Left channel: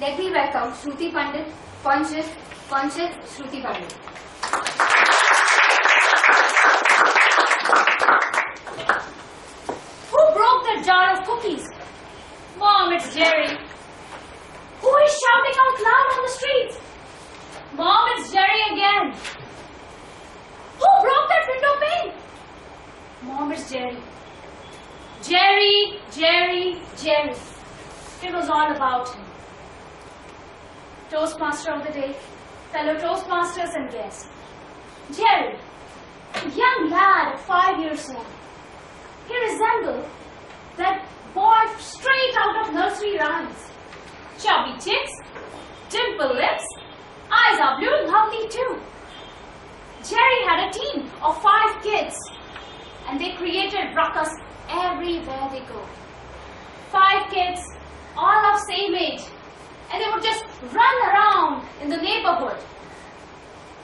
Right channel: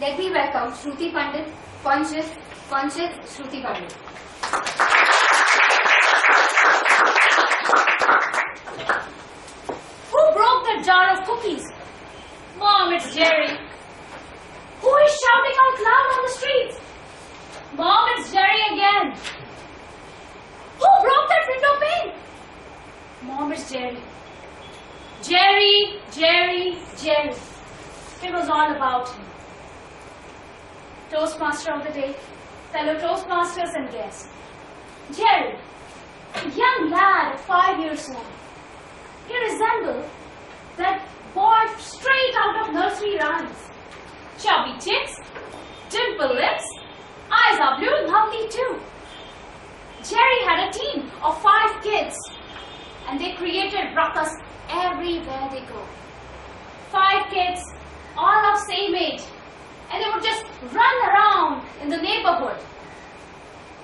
Let me welcome Shruti Pandit, Panchit, Shruti Pandit. Who broke that jar of cookies? Mom, it's Jerry. Who is shouting out loud on the streets? Mom, it's Jerry again. Who broke that window pane? Mom, it's Jerry. Jerry, Jerry, Jerry. It was all about him. Toastmaster of the day, fellow Toastmasters and guests. Jerry, a young lad of 5 years old. He resembled that boy straight out of nursery rhymes. Chubby cheeks, dimple lips, eyes are blue, lovely too. Jerry had a team of 5 kids and they created ruckus everywhere they go. 5 kids, all of same age, and they would just run around in the neighborhood.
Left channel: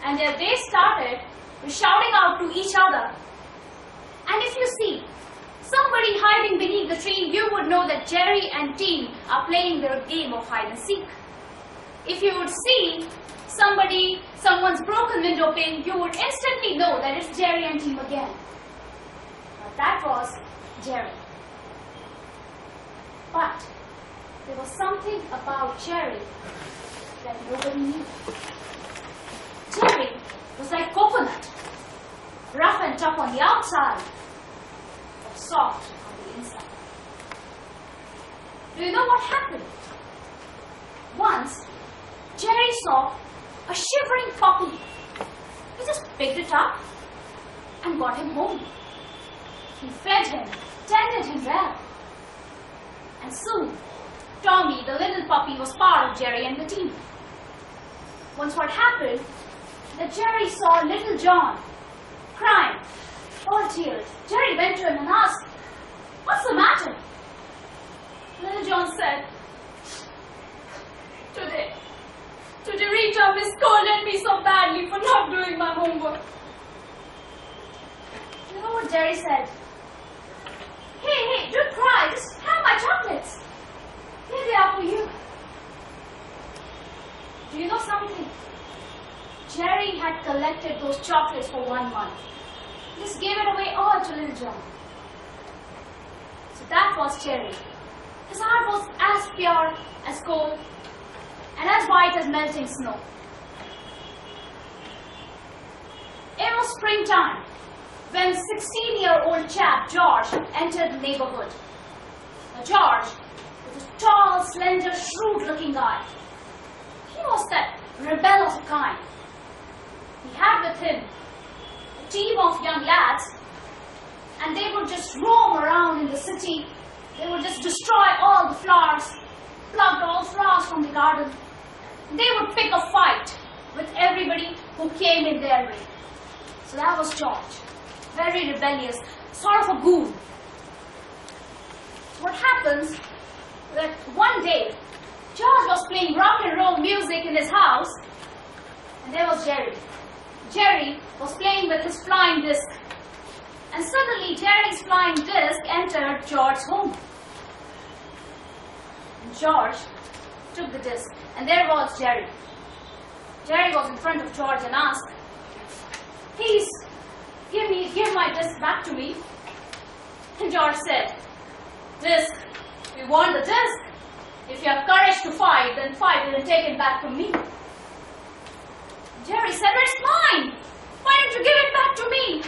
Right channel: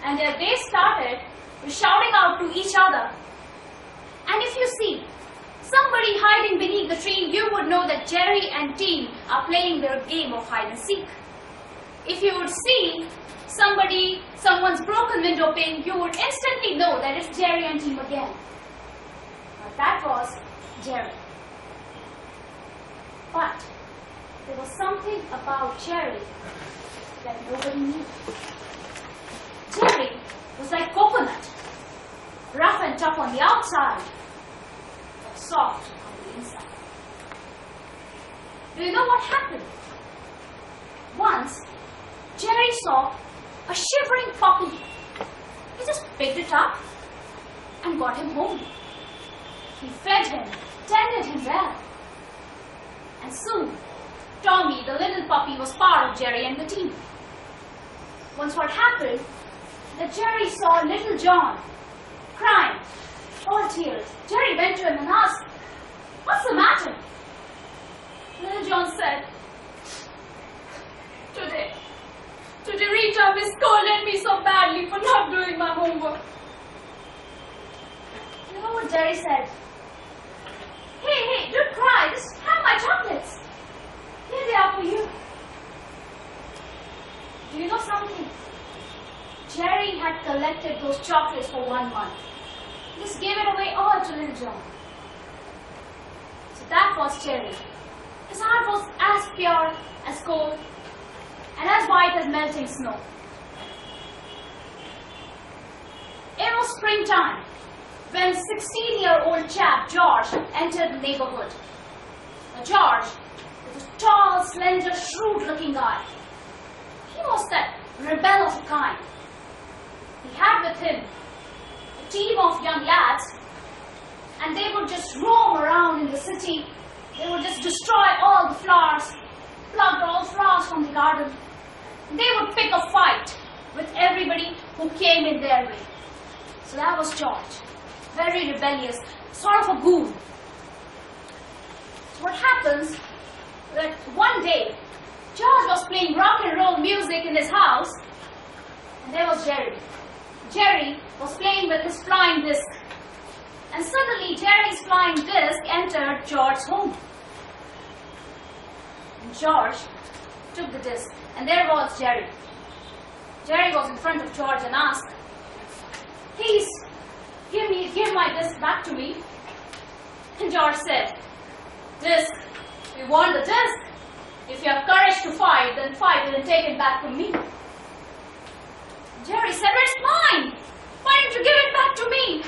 And their day started with shouting out to each other. And if you see somebody hiding beneath the tree, you would know that Jerry and team are playing their game of hide and seek. If you would see someone's broken window pane, you would instantly know that it's Jerry and team again. But that was Jerry. But there was something about Jerry that nobody knew. Jerry was like coconut, rough and tough on the outside, but soft on the inside. Do you know what happened? Once, Jerry saw a shivering puppy. He just picked it up and got him home. He fed him, tended him well. And soon, Tommy, the little puppy, was part of Jerry and the team. Once what happened, that Jerry saw little John crying, all tears. Jerry went to him and asked, "What's the matter?" Little John said, Today Rita Miss scolded me so badly for not doing my homework." You know what Jerry said? Hey, don't cry, just have my chocolates. Here they are for you. Do you know something? Jerry had collected those chocolates for 1 month. He just gave it away all to little John. So that was Jerry. His heart was as pure as gold and as white as melting snow. It was springtime when 16-year-old chap George entered the neighborhood. Now George was a tall, slender, shrewd-looking guy. He was that rebel of a kind. He had with him a team of young lads, and they would just roam around in the city. They would just destroy all the flowers, pluck all flowers from the garden. They would pick a fight with everybody who came in their way. So that was George, very rebellious, sort of a goon. So what happens that one day, George was playing rock and roll music in his house, and there was Jerry. Jerry was playing with his flying disc, and suddenly Jerry's flying disc entered George's home. And George took the disc, and there was Jerry. Jerry was in front of George and asked, "Please, give my disc back to me." And George said, "Disc, we want the disc. If you have courage to fight, then fight it and take it back from me." Jerry said, "It's mine. Why don't you give it back to me?"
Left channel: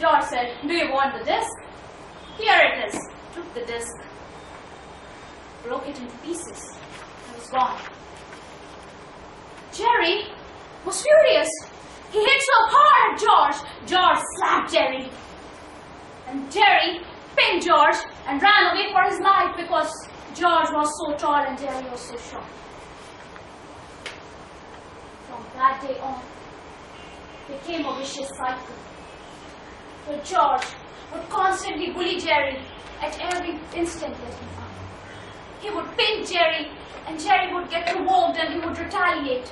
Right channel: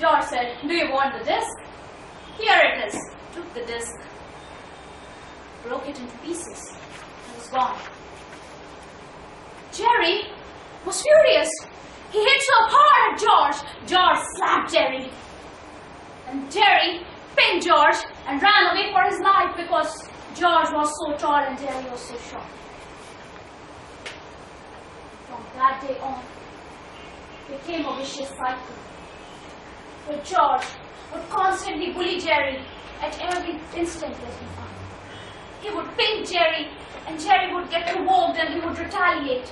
George said, "Do you want the disc? Here it is." Took the disc, broke it into pieces, and was gone. Jerry was furious. He hit so hard at George. George slapped Jerry. And Jerry pinned George and ran away for his life because George was so tall and Jerry was so short. From that day on, it became a vicious cycle. Where George would constantly bully Jerry at every instant that he found. He would pin Jerry, and Jerry would get provoked and he would retaliate.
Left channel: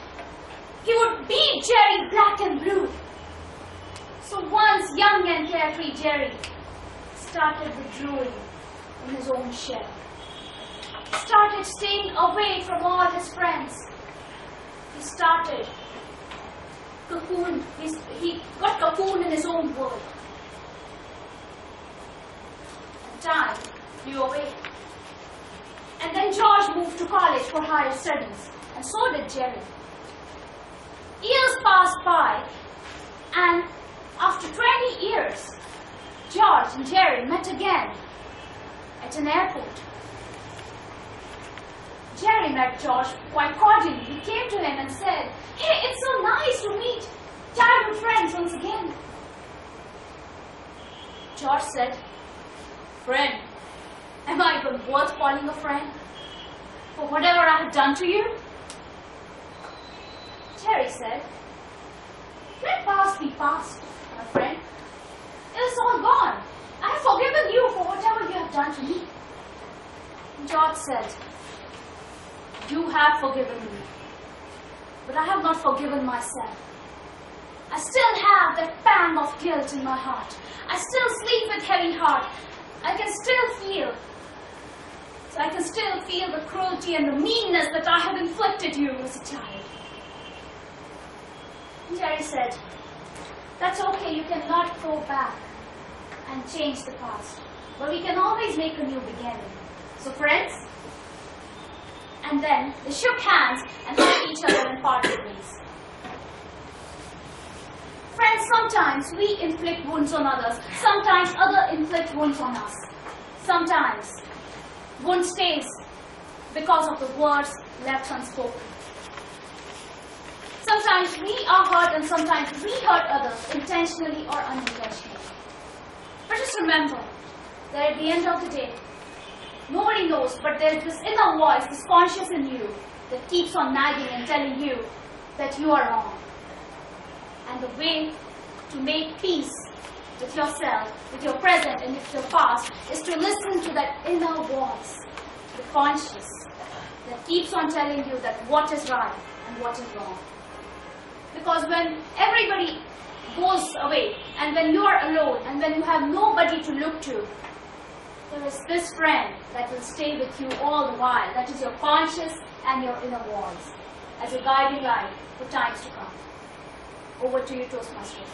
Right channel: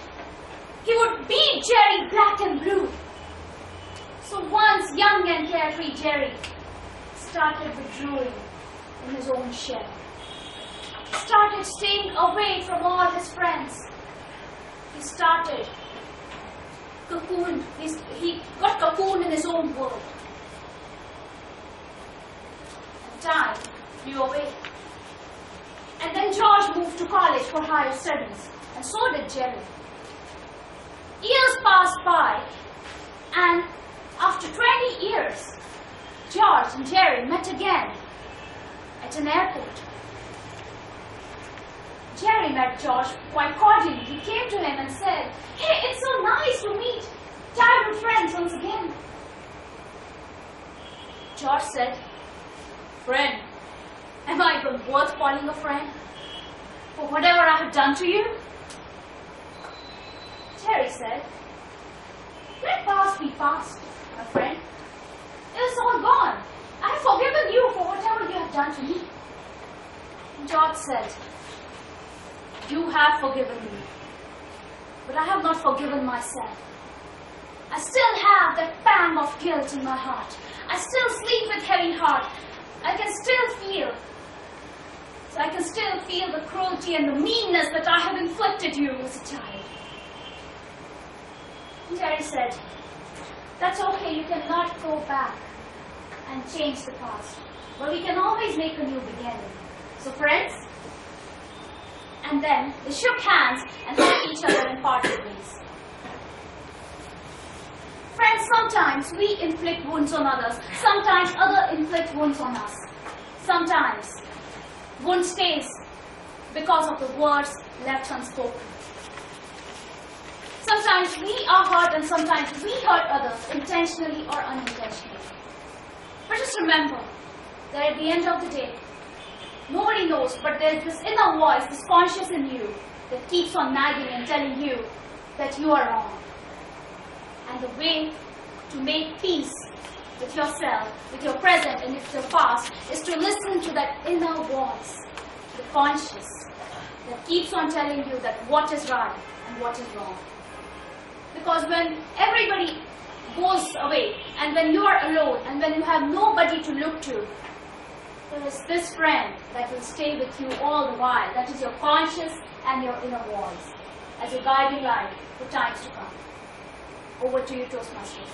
He would beat Jerry black and blue. So once young and carefree Jerry started withdrawing in his own shell. started staying away from all his friends. He started cocoon. He got cocooned in his own world. And time flew away. And then George moved to college for higher studies, and so did Jerry. Years passed by, and after 20 years, George and Jerry met again at an airport. Jerry met George quite cordially. He came to him and said, "Hey, it's so nice to meet childhood friends once again." George said, "Friend, am I even worth calling a friend for whatever I have done to you?" Jerry said, "Let past be past, my friend. It is all gone. I have forgiven you for whatever you have done to me." George said, "You have forgiven me, but I have not forgiven myself. I still have that pang of guilt in my heart. I still sleep with heavy heart. I can still feel the cruelty and the meanness that I have inflicted you as a child." Jerry said, "That's okay, you cannot go back and change the past, but we can always make a new beginning. So friends," and then they shook hands and hugged each other and parted ways. Friends, sometimes we inflict wounds on others. Sometimes others inflict wounds on us. Sometimes wound stays because of the words left unspoken. Sometimes we are hurt and sometimes we hurt others intentionally or unintentionally. But just remember that at the end of the day, nobody knows, but there's this inner voice, this conscious in you that keeps on nagging and telling you that you are wrong. And the way to make peace with yourself, with your present and with your past, is to listen to that inner voice, the conscious, that keeps on telling you that what is right and what is wrong. Because when everybody goes away, and when you are alone, and when you have nobody to look to, there is this friend that will stay with you all the while. That is your conscious and your inner voice as your guiding light for times to come. Over to you, Toastmasters.